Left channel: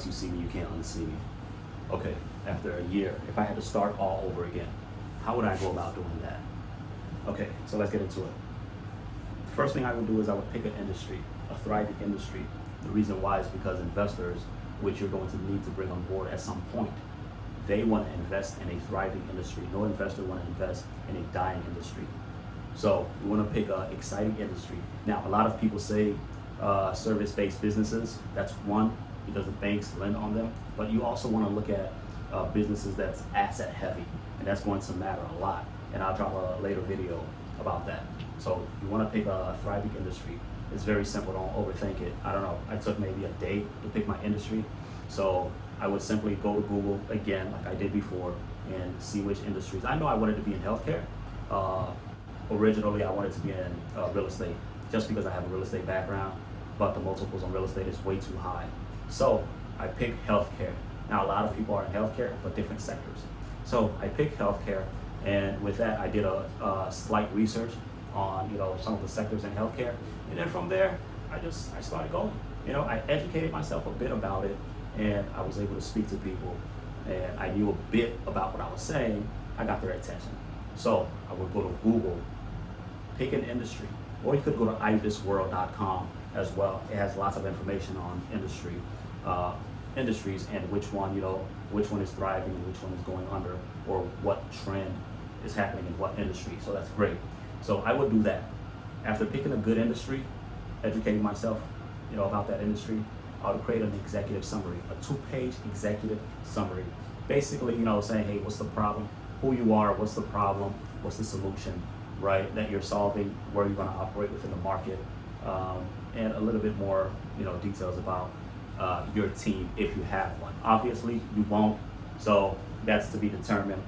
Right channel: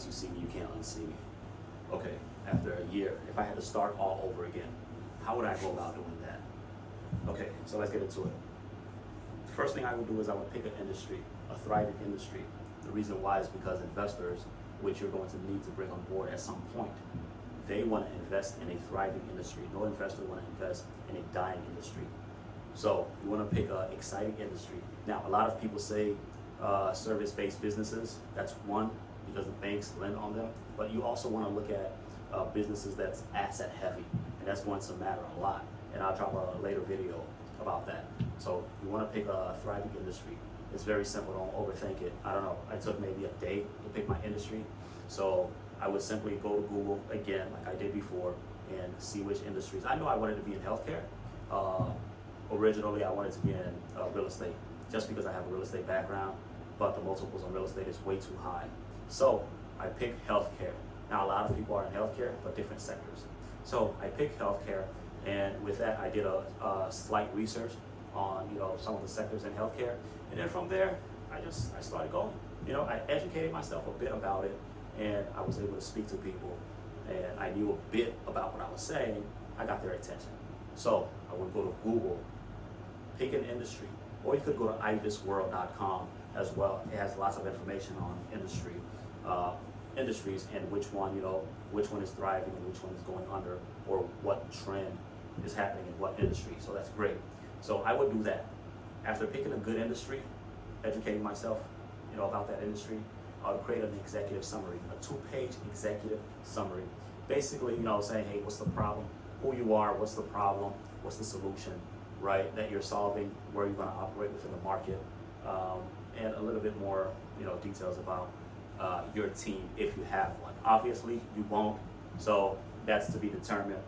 once you see me, you can't unsee me. Okay, after a year, if I had to start all over again, how would I go about doing that? Okay, so let's get into it. The first thing I would do is I would pick an industry, a thriving industry. The reason why is because investors, which you're going to need to bring on board at some point, they want to invest in a thriving industry. No investor want to invest in a dying industry. So you want to pick an exciting industry. Now, a lot of people say service-based businesses. That's one, because the banks lend on them. But you also want to look at businesses that's asset heavy, and that's going to matter a lot. And I'll drop a later video about that. So you want to pick a thriving industry. It's very simple. Don't overthink it. I don't know. I took maybe a day to pick my industry. So I would simply go to Google again, like I did before, and see which industries. I know I wanted to be in healthcare. Originally, I wanted to be in real estate, just because I have a real estate background, but the multiples on real estate is way too high. So I picked healthcare. Now, a lot of people are in healthcare, but different sectors. So I picked healthcare, and with that, I did a slight research on some of the sectors in healthcare, and then from there, I started going. I educated myself a bit about it, and I was able to speak to people, and I knew a bit about what I was saying. I got their attention. So I would go to Google, pick an industry, or you could go to ibisworld.com as well. It has lots of information on industries and which one is thriving and which one is going under, or what trend is happening in what industry. So that's great. So I would do that. After picking a good industry, educating myself, about that industry, I would create an executive summary, a 2-page executive summary. Basically, saying, hey, what's the problem? Who you are, what's the problem, what's the solution, right, that you're solving, where you're going to operate within the market, and a little bit more, details about your team if you have one. Obviously, you won't, so that's to be determined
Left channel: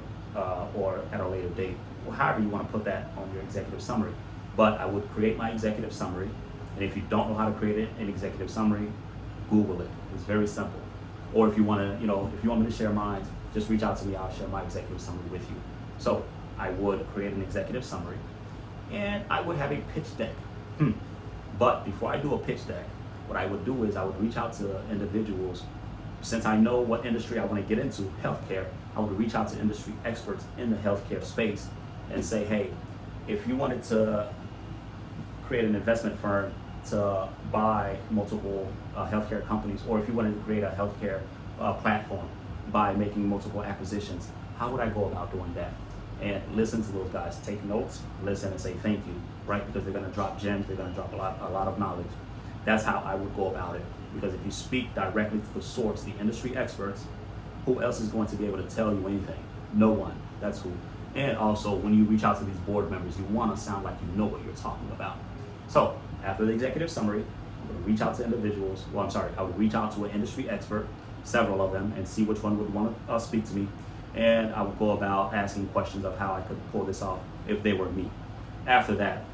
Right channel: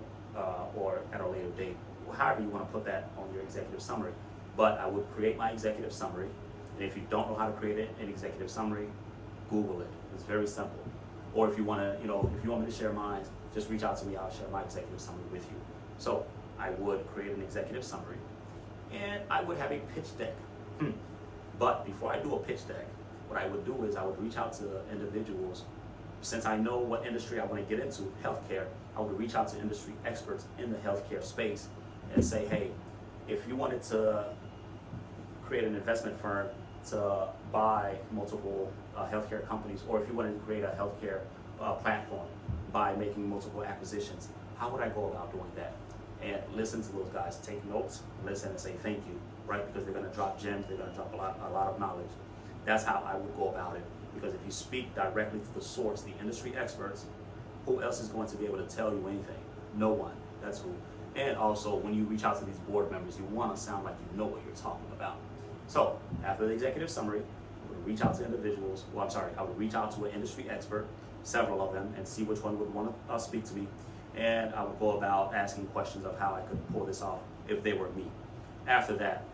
or at a later date, or however you want to put that on your executive summary. But I would create my executive summary, and if you don't know how to create an executive summary, Google it. It's very simple. Or if you want to, if you want me to share mine, just reach out to me. I'll share my executive summary with you. So I would create an executive summary, and I would have a pitch deck. But before I do a pitch deck, what I would do is I would reach out to individuals. Since I know what industry I want to get into, healthcare, I would reach out to industry experts in the healthcare space and say, hey, if you wanted to create an investment firm to buy multiple healthcare companies, or if you wanted to create a healthcare platform by making multiple acquisitions, how would I go about doing that? And listen to those guys, take notes, listen and say thank you, right? Because they're going to drop gems, they're going to drop a lot of knowledge. That's how I would go about it. Because if you speak directly to the source, the industry experts, who else is going to be able to tell you anything? No one. That's who. And also, when you reach out to these board members, you want to sound like you know what you're talking about. So after the executive summary, I would reach out to individuals. I would reach out to an industry expert, several of them, and see which one would want to speak to me. And I would go about asking questions of how I could pull this off if they were me. After that,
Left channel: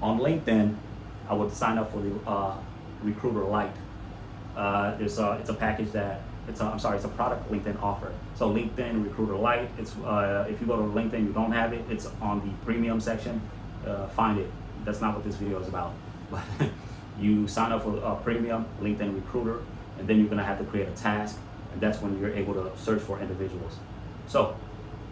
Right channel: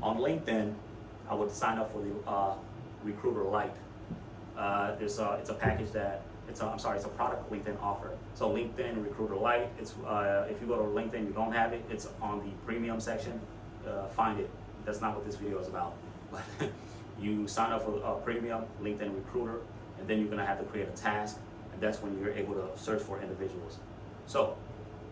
on LinkedIn, I would sign up for the Recruiter Lite. It's a package that it's a product LinkedIn offer. So LinkedIn Recruiter Lite. It's if you go to LinkedIn, you don't have it. It's on the premium section. Find it. That's not what this video is about. But you sign up for a premium LinkedIn Recruiter, and then you're gonna have to create a task, and that's when you're able to search for individuals. So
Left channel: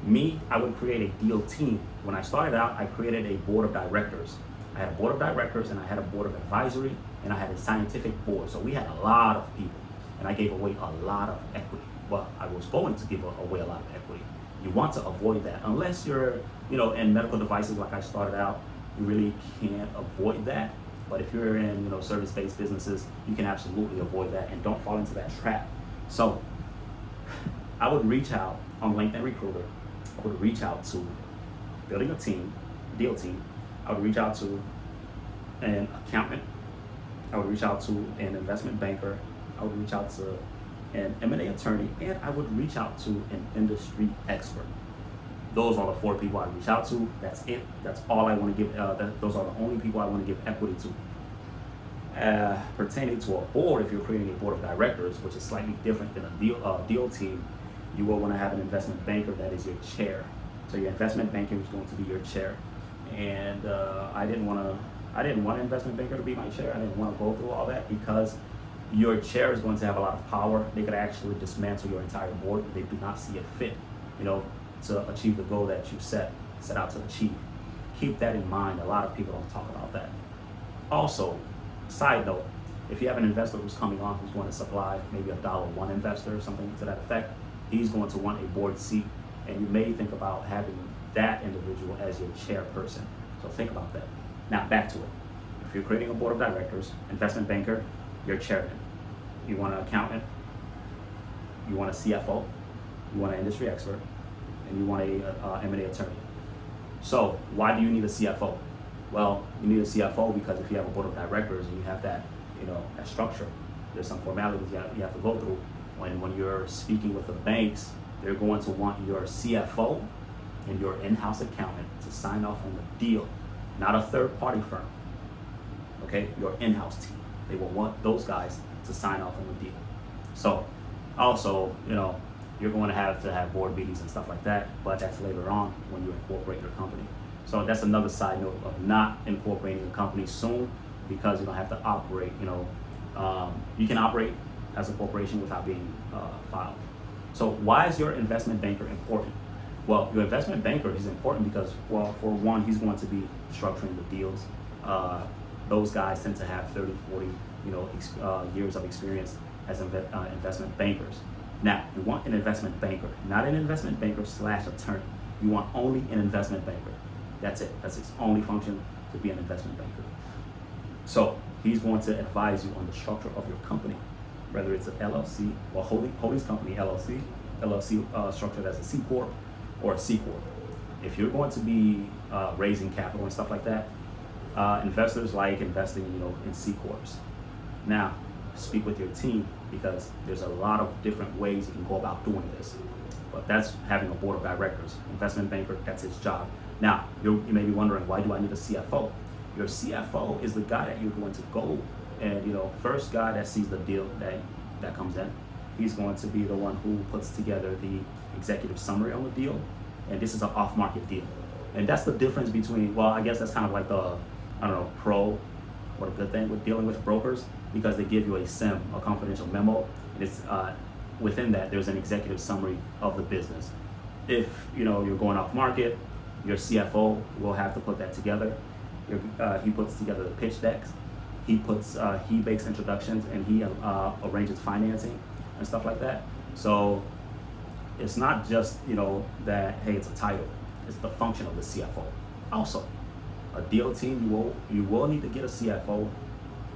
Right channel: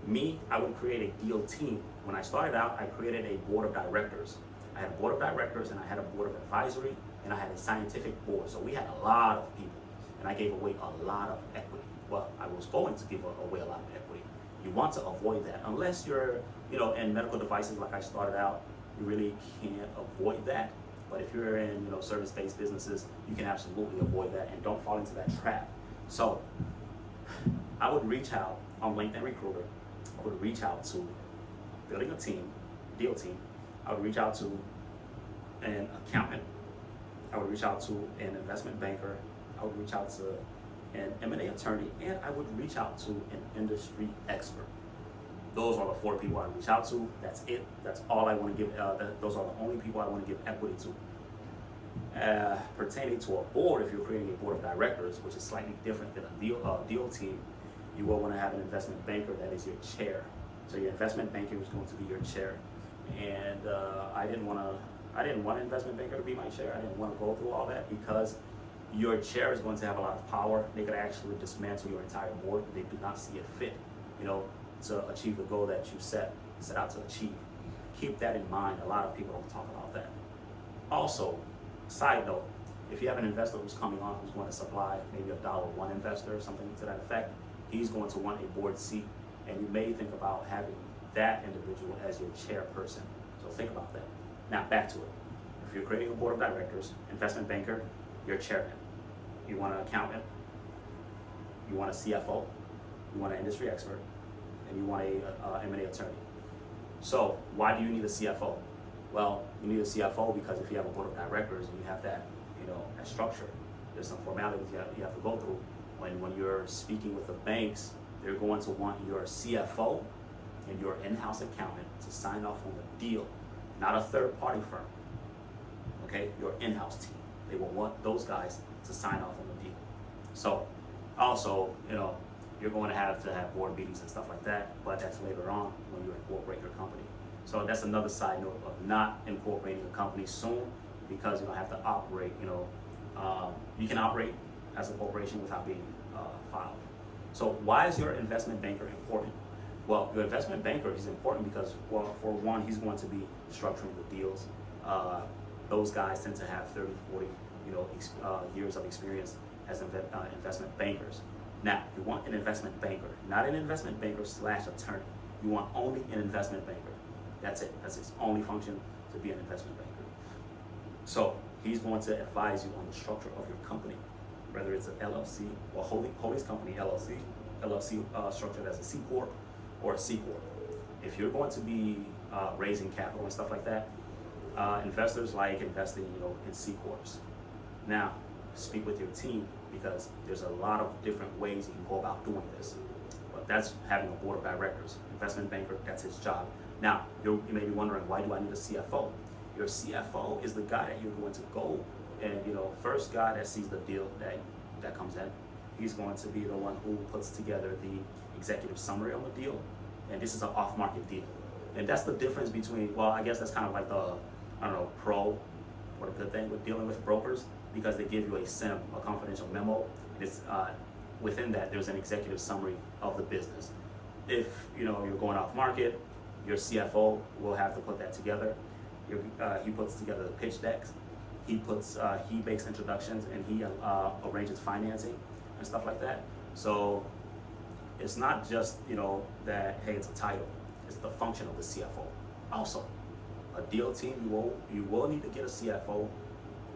me, I would create a deal team. When I started out, I created a board of directors. I had a board of directors, and I had a board of advisory, and I had a scientific board. So we had a lot of people, and I gave away a lot of equity. Well, I was going to give away a lot of equity. You want to avoid that. Unless you're, in medical devices like I started out, you really can't avoid that. But if you're in, service-based businesses, you can absolutely avoid that, and don't fall into that trap. So I would reach out on LinkedIn Recruiter. I would reach out to building a team, deal team. I would reach out to an accountant. I would reach out to an investment banker. I would reach out to an M&A attorney, and I would reach out to an industry expert. Those are the 4 people I reach out to. That's it. That's all I want to give. Those are the only people I want to give equity to. Pertaining to a board, if you're creating a board of directors, which is slightly different than a deal team, you will want to have an investment banker that is your chair. So your investment banker is going to be your chair. And I didn't want an investment banker to be my chair. I didn't want to go through all that because your chair is going to have a lot of power. They could actually dismantle your entire board if they do not see it fit, to achieve the goal that you set out to achieve. Keep that in mind. A lot of people don't talk about that. Also, side note, if you have an investor who's coming on who's going to supply maybe a $1 investor, something to that effect, he's going to want a board seat, and you may think about having that individual as your chairperson. So think about that. Now back to it. If you're creating a board of directors, investment banker, you're chairman. You want an accountant, you want a CFO, you want an industry expert, and you want a M&A attorney. So why do you need a CFO? Well, you need a CFO because if you have a board of directors and you have that, that structure, there's some formalities you have to go through. When you're speaking with the banks, they're going to want your CFO and your in-house accountant to sign off on the deal, not a third-party firm. Okay, your in-house team. They will want those guys to sign off on the deal. So, also, you're going to have board meetings and stuff like that, but that's later on when you incorporate your company. So that's another side note of not incorporating a company soon, because you don't have to operate. You can operate as a corporation without being filed. So why is your investment banker important? Well, your investment banker is important because, well, for one, he's going to be structuring the deals. Those guys tend to have 30, 40, years of experience as investment bankers. Now, you want an investment banker, not an investment banker / attorney. You want only an investment banker. That's it. That's his only function, to be an investment banker. So he's going to advise you on the structure of your company, whether it's an LLC or holdings company LLC structured as a C Corp or a C Corp. If you're going to be raising capital and stuff like that, investors like investing in C Corps. Now, speak with your team, because there's a lot of different ways you can go about doing this. But that's having a board of directors. Investment banker, that's his job. Now, you may be wondering, why do I need a CFO? Your CFO is the guy that you're going to go and, first guy that sees the deal that comes in. He's going to be the one who puts together the executive summary on the deal. And this is an off-market deal. And that's the difference between, well, I guess that's kind of like the, pro or the good thing with dealing with brokers, because they give you a SIM, a confidential memo. And it's within that, there's an executive summary of the business. If, you're going off market, your CFO will have to put that together. He puts together the pitch decks. He makes introductions, and he arranges financing and stuff like that. So it's not just, that, hey, it's a title. It's the function of the CFO. Also, a deal team, you will need to get a CFO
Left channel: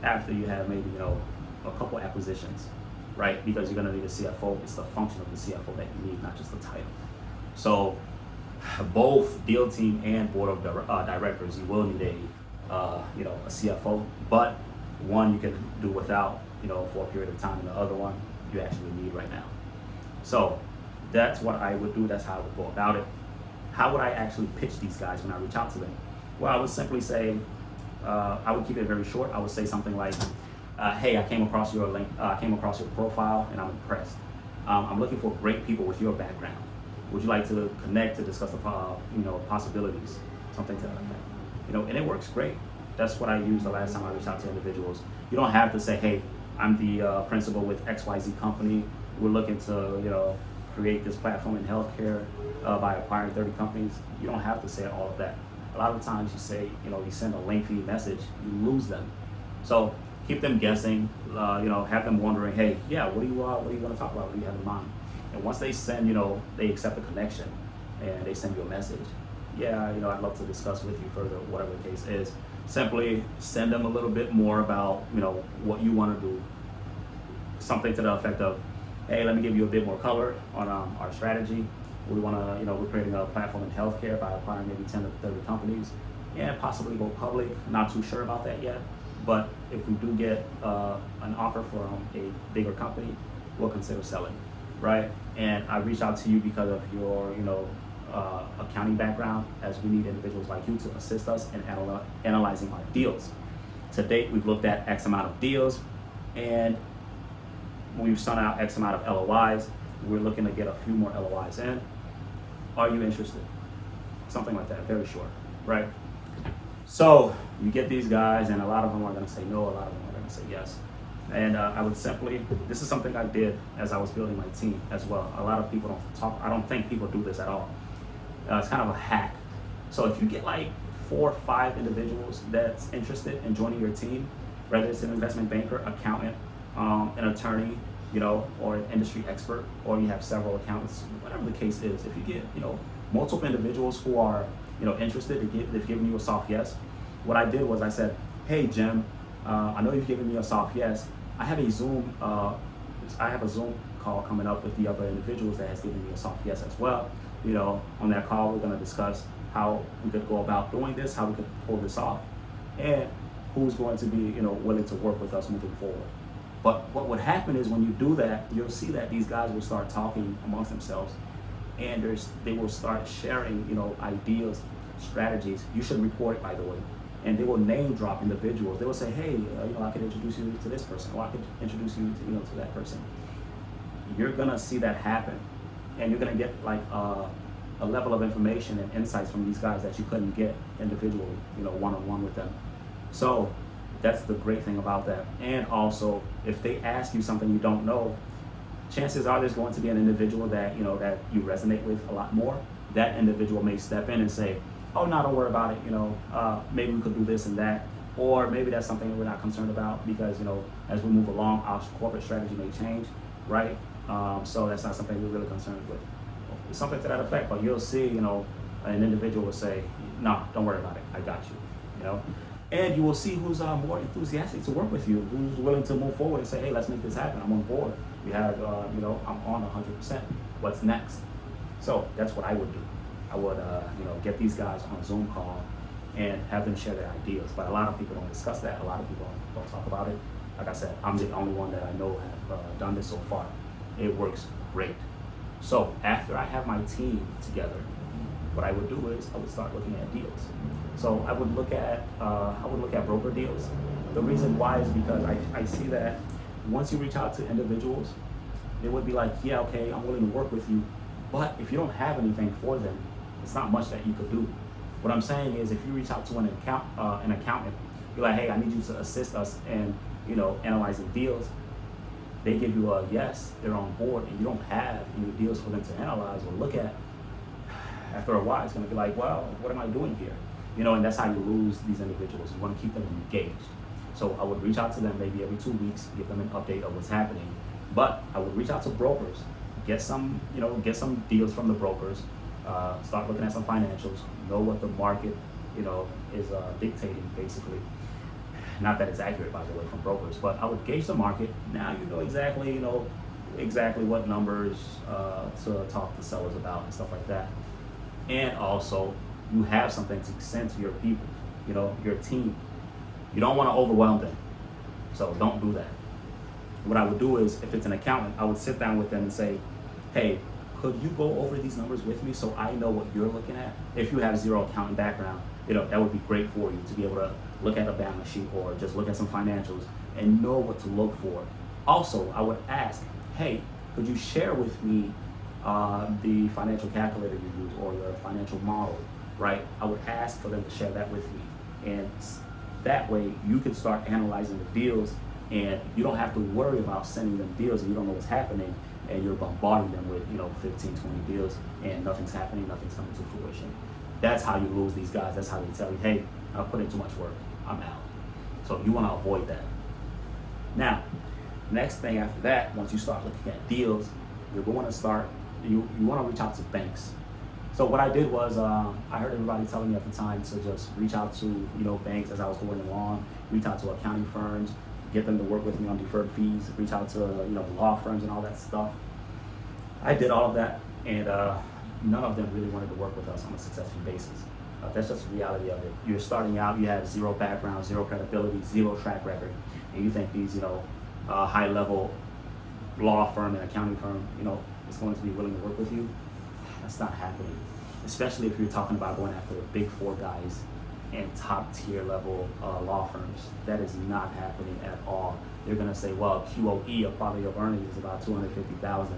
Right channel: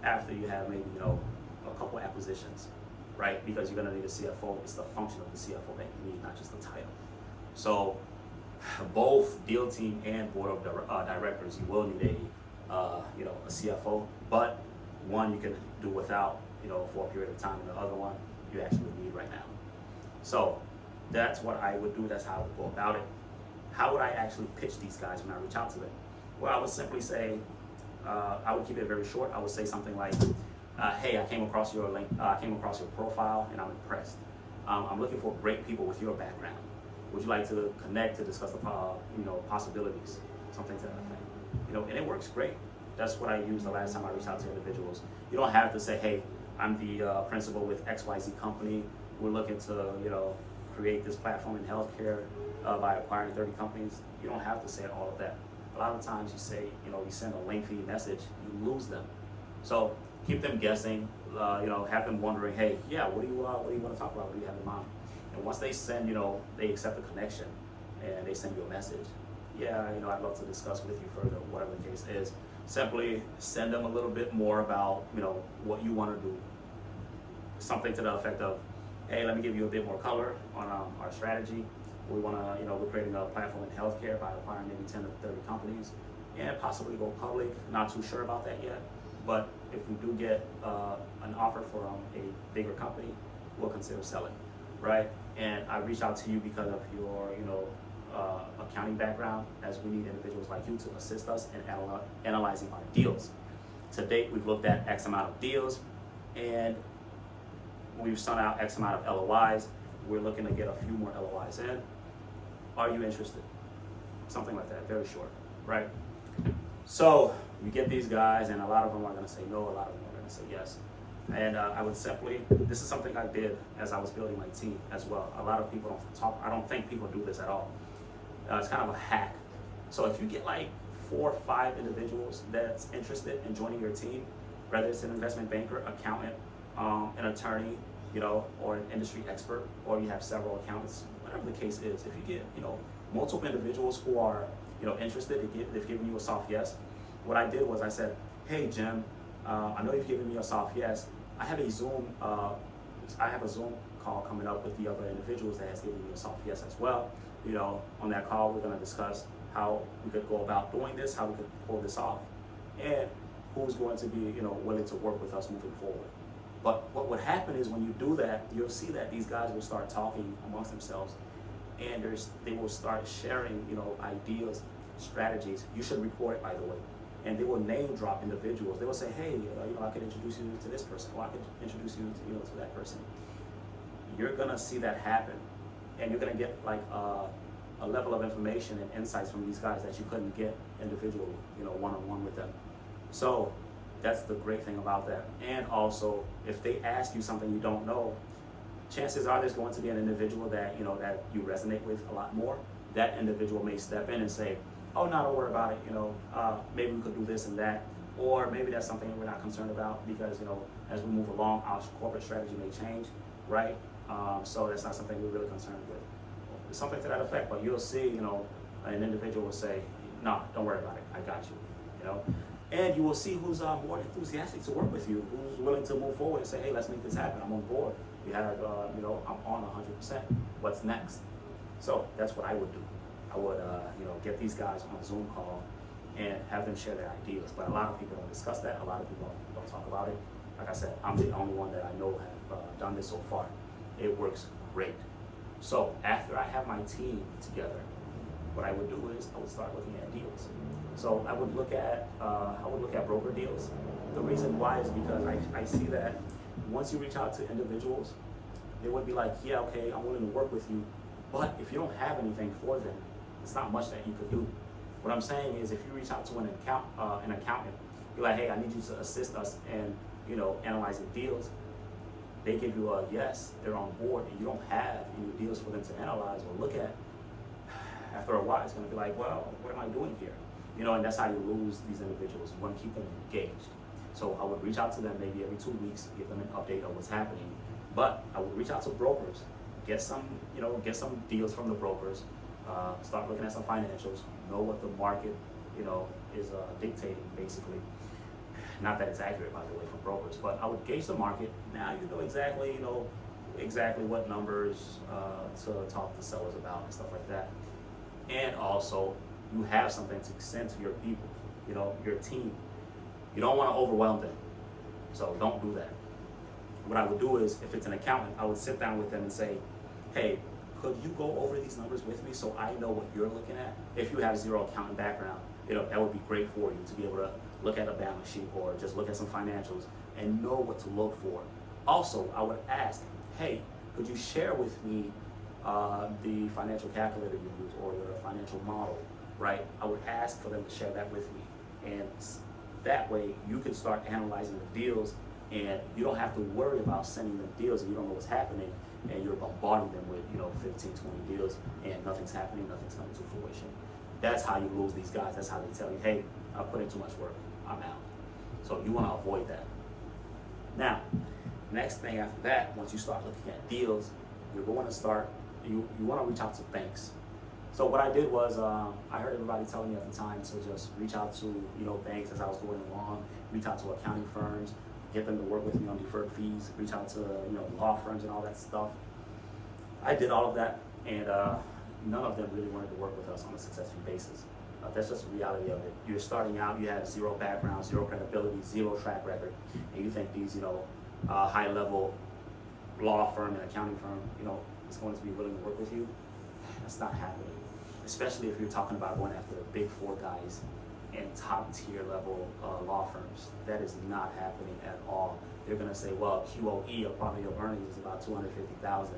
after you have maybe, a couple acquisitions, right? Because you're gonna need a CFO. It's the function of the CFO that you need, not just the title. So both deal team and board of directors, you will need a CFO, but one you can do without, for a period of time, and the other one you actually need right now. So that's what I would do. That's how I would go about it. How would I actually pitch these guys when I reach out to them? Well, I would simply say, I would keep it very short. I would say something like, hey, I came across your link, I came across your profile, and I'm impressed. I'm looking for great people with your background. Would you like to connect to discuss the possibilities, something to that effect? And it works great. That's what I used the last time I reached out to individuals. You don't have to say, hey, I'm the principal with XYZ company. We're looking to create this platform in healthcare by acquiring 30 companies. You don't have to say all of that. A lot of times you say, you send a lengthy message, you lose them. So keep them guessing. Have them wondering, hey, yeah, what are you going to talk about? What do you have in mind? And once they send, they accept the connection and they send you a message. Yeah, I'd love to discuss with you further, whatever the case is. Simply send them a little bit more about, what you want to do. Something to the effect of, hey, let me give you a bit more color on our strategy. We want to, we're creating a platform in healthcare by acquiring maybe 10 to 30 companies, and possibly go public. Not too sure about that yet, but if we do get an offer from a bigger company, we'll consider selling, right? And I reached out to you because of your, accounting background, as we need individuals like you to assist us in analyzing our deals. To date, we've looked at X amount of deals, and we've sent out X amount of LOIs. We're looking to get a few more LOIs in. Are you interested? Something like that, very short, right? So you get these guys, and a lot of them are gonna say no, a lot of them are gonna say yes. And I would simply, this is something I did as I was building my team as well. A lot of people don't talk, I don't think people do this at all. It's kind of a hack. So if you get like 4 or 5 individuals that's interested in joining your team, whether it's an investment banker, accountant, an attorney, or an industry expert, or you have several accountants, whatever the case is, if you get, multiple individuals who are, interested, they've given you a soft yes. What I did was I said, hey, Jim, I know you've given me a soft yes. I have a Zoom call coming up with the other individuals that has given me a soft yes as well. On that call, we're gonna discuss how we could go about doing this, how we could pull this off, and who's going to be, willing to work with us moving forward. But what would happen is when you do that, you'll see that these guys will start talking amongst themselves, and they will start sharing, ideas, strategies. You should record it, by the way. And they will name drop individuals. They will say, hey, I could introduce you to this person, or I could introduce you to, to that person. You're gonna see that happen, and you're gonna get like a level of information and insights from these guys that you couldn't get individually, one-on-one with them. So that's the great thing about that. And also, if they ask you something you don't know, chances are there's going to be an individual that that you resonate with a lot more. That individual may step in and say, oh, no, don't worry about it, maybe we could do this and that, or maybe that's something that we're not concerned about because, as we move along, our corporate strategy may change, right? So that's not something we're really concerned with. It's something to that effect, but you'll see, an individual will say, no, don't worry about it, I got you, And you will see who's more enthusiastic to work with you, who's willing to move forward and say, hey, let's make this happen, I'm on board. We have, I'm on 100%, what's next? So that's what I would do. I would, get these guys on a Zoom call and have them share their ideas. But a lot of people don't discuss that. A lot of people don't talk about it. Like I said, I'm the only one that I know have done this so far. It works great. So after I have my team together, what I would do is I would start looking at deals. So I would look at broker deals. The reason why is because I see that once you reach out to individuals, they would be like, yeah, okay, I'm willing to work with you. But if you don't have anything for them, it's not much that you could do. What I'm saying is, if you reach out to an accountant, you're like, hey, I need you to assist us in, analyzing deals. They give you a yes, they're on board, and you don't have any deals for them to analyze or look at. After a while, it's going to be like, well, what am I doing here? And that's how you lose these individuals. You want to keep them engaged. So I would reach out to them maybe every 2 weeks, give them an update of what's happening. But I would reach out to brokers, get some deals from the brokers, start looking at some financials, know what the market, is dictating basically. Not that it's accurate, by the way, from brokers, but I would gauge the market. Now you know exactly what numbers to talk to sellers about and stuff like that. And also, you have something to send to your people, your team. You don't want to overwhelm them, so don't do that. What I would do is, if it's an accountant, I would sit down with them and say, hey, could you go over these numbers with me so I know what you're looking at? If you have zero accounting background, that would be great for you to be able to look at a balance sheet or just look at some financials and know what to look for. Also, I would ask, hey, could you share with me the financial calculator you use or your financial model, right? I would ask for them to share that with me. And that way you can start analyzing the deals, and you don't have to worry about sending them deals and you don't know what's happening, and you're bombarding them with 15, 20 deals and nothing's happening, nothing's coming to fruition. That's how you lose these guys. That's how they tell you, hey, I put in too much work, I'm out. So you want to avoid that. Now, next thing after that, once you start looking at deals, you're going to start, you want to reach out to banks. So what I did was, I heard everybody telling me at the time to just reach out to banks as I was going along, reach out to accounting firms, get them to work with me on deferred fees, reach out to law firms and all that stuff. I did all of that, and none of them really wanted to work with us on a success fee basis. That's just the reality of it. You're starting out, you have zero background, zero credibility, zero track record, and you think these high-level law firm and accounting firm is going to be willing to work with you. That's not happening, especially if you're talking about going after the big 4 guys and top tier level law firms. That is not happening at all. They're gonna say, well, QOE, or probably your earnings is about 250,000,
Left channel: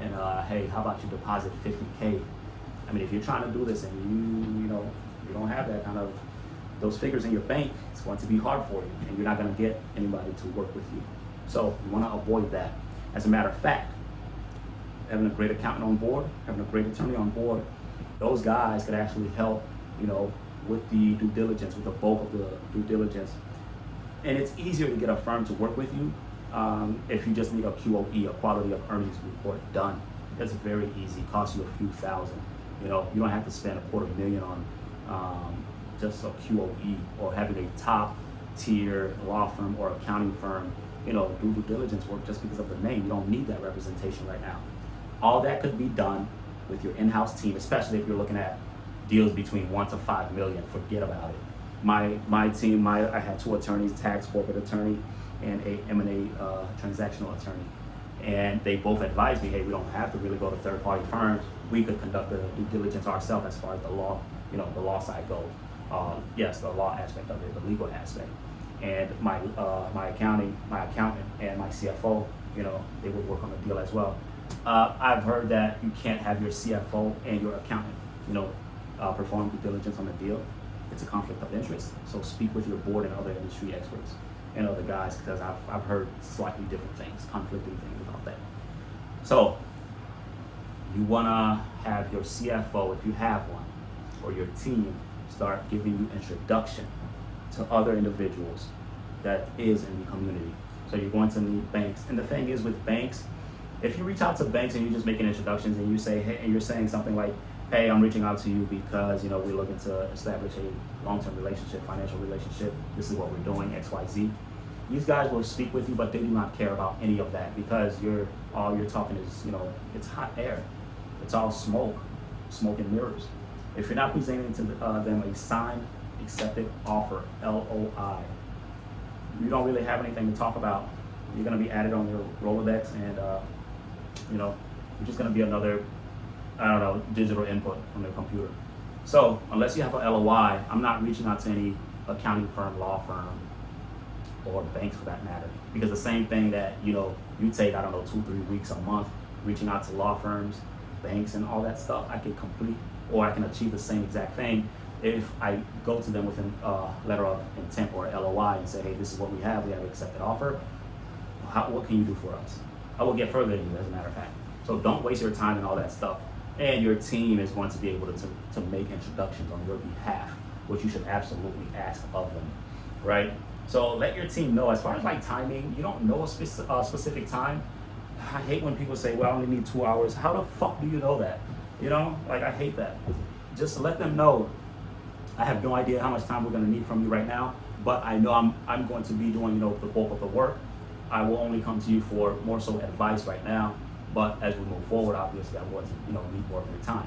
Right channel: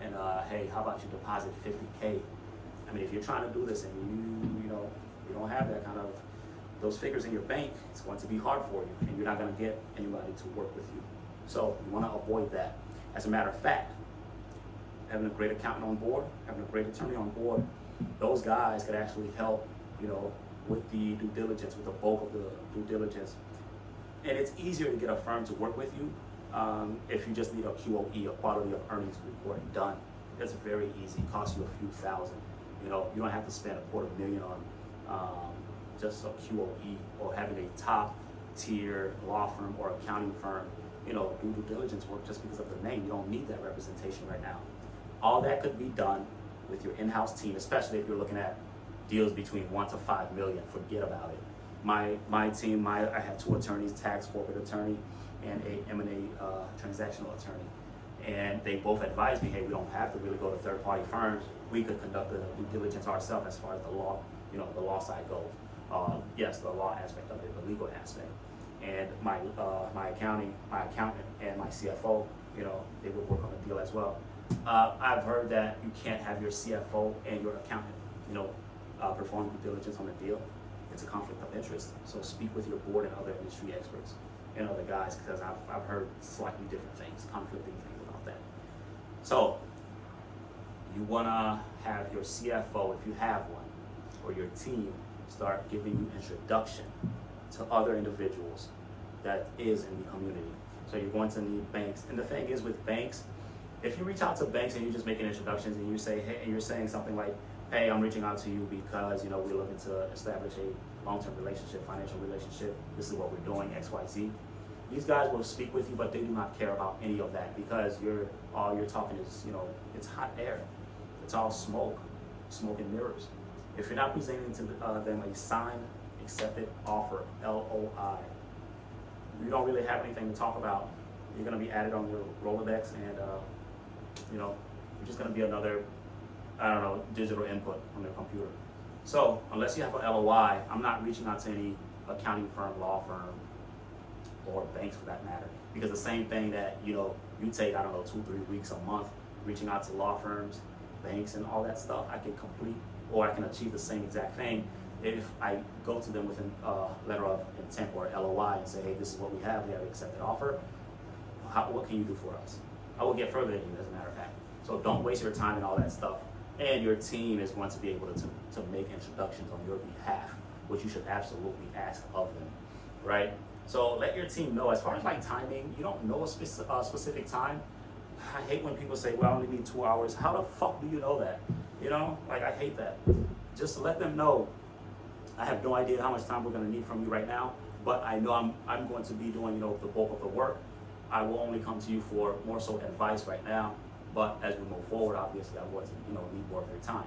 and hey, how about you deposit 50K? I mean, if you're trying to do this and you don't have that kind of those figures in your bank, it's going to be hard for you, and you're not gonna get anybody to work with you. So you want to avoid that. As a matter of fact, having a great accountant on board, having a great attorney on board, those guys could actually help, with the due diligence, with the bulk of the due diligence. And it's easier to get a firm to work with you if you just need a QOE, a quality of earnings report done. It's very easy, it costs you a few thousand. You don't have to spend $250,000 on just a QOE or having a top tier law firm or accounting firm, do due diligence work just because of the name. You don't need that representation right now. All that could be done with your in-house team, especially if you're looking at deals between 1 to 5 million. Forget about it. My team, I have 2 attorneys, tax corporate attorney and a M&A transactional attorney. And they both advised me, hey, we don't have to really go to third-party firms. We could conduct the due diligence ourselves as far as the law, the law side goes. Yes, the law aspect of it, the legal aspect. And my accountant and my CFO, they would work on the deal as well. I've heard that you can't have your CFO and your accountant, perform due diligence on the deal. It's a conflict of interest. So speak with your board and other industry experts and other guys, because I've heard slightly different things, conflicting things about that. So you wanna have your CFO, if you have one, or your team start giving you introduction to other individuals that is in the community. So you're going to need banks. And the thing is with banks, if you reach out to banks and you're just making introductions and you say, hey, and you're saying something like, hey, I'm reaching out to you because, we're looking to establish a long-term relationship, financial relationship. This is what we're doing, X, Y, Z. These guys will speak with you, but they do not care about any of that because all you're talking is, it's hot air. It's all smoke and mirrors. If you're not presenting to them a signed, accepted offer, LOI, you don't really have anything to talk about. You're going to be added on your Rolodex, and you're just going to be another, digital input on their computer. So unless you have an LOI, I'm not reaching out to any accounting firm, law firm, or banks for that matter. Because the same thing that you take, 2-3 weeks, a month, reaching out to law firms, banks, and all that stuff, I can complete, or I can achieve the same exact thing if I go to them with a letter of intent or LOI and say, hey, this is what we have an accepted offer. What can you do for us? I will get further than you, as a matter of fact. So don't waste your time and all that stuff. And your team is going to be able to make introductions on your behalf, which you should absolutely ask of them, right? So let your team know. As far as like timing, you don't know a specific time. I hate when people say, well, I only need 2 hours. How the fuck do you know that? I hate that. Just let them know. I have no idea how much time we're going to need from you right now, but I know I'm going to be doing, the bulk of the work. I will only come to you for more so advice right now, but as we move forward, obviously I want to, need more of your time.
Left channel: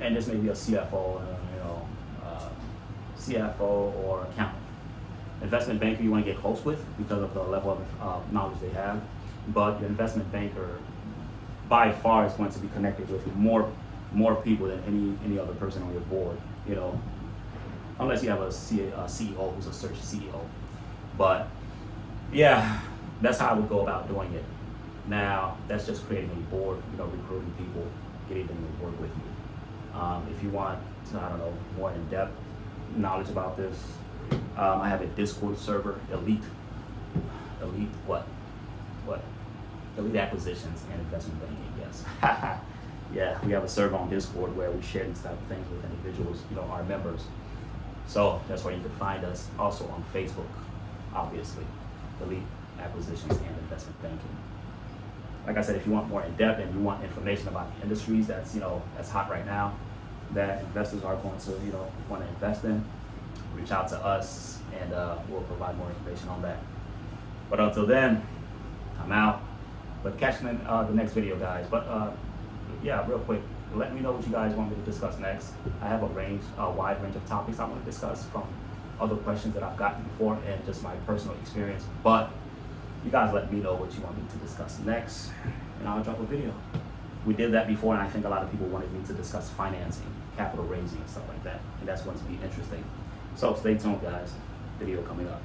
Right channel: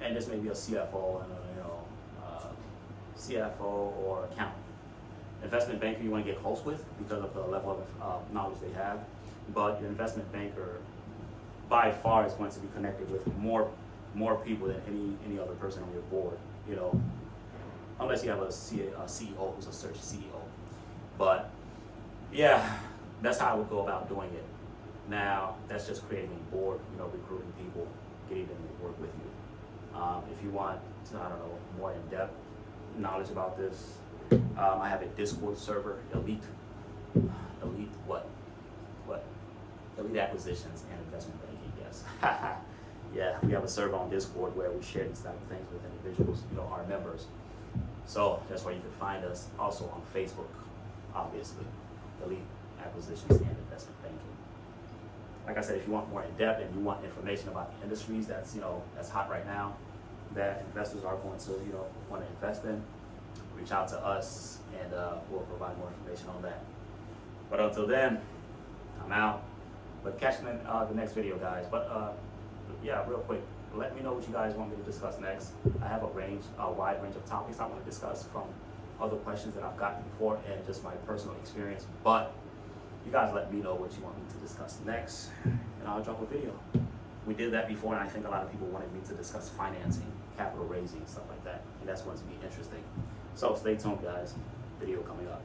And this may be a CFO, CFO or accountant. Investment banker you want to get close with because of the level of knowledge they have, but your investment banker by far is going to be connected with more people than any other person on your board, unless you have a CEO who's a search CEO. But yeah, that's how I would go about doing it. Now, that's just creating a board, recruiting people, getting them to work with you. If you want, more in-depth knowledge about this, I have a Discord server, Elite what? Elite Acquisitions and Investment Banking, yes. Yeah, we have a server on Discord where we share these type of things with individuals, our members. So that's where you can find us. Also on Facebook, obviously, Elite Acquisitions and Investment Banking. Like I said, if you want more in depth and you want information about the industries that's hot right now, that investors are going to want to invest in, reach out to us and we'll provide more information on that. But until then, I'm out. But catch you in the next video, guys. But yeah, real quick, let me know what you guys want me to discuss next. I have a wide range of topics I want to discuss, from other questions that I've gotten before and just my personal experience. But you guys let me know what you want me to discuss next, and I'll drop a video. We did that before, and I think a lot of people wanted me to discuss financing, capital raising, and stuff like that. And that's going to be interesting. So stay tuned, guys. Video coming up.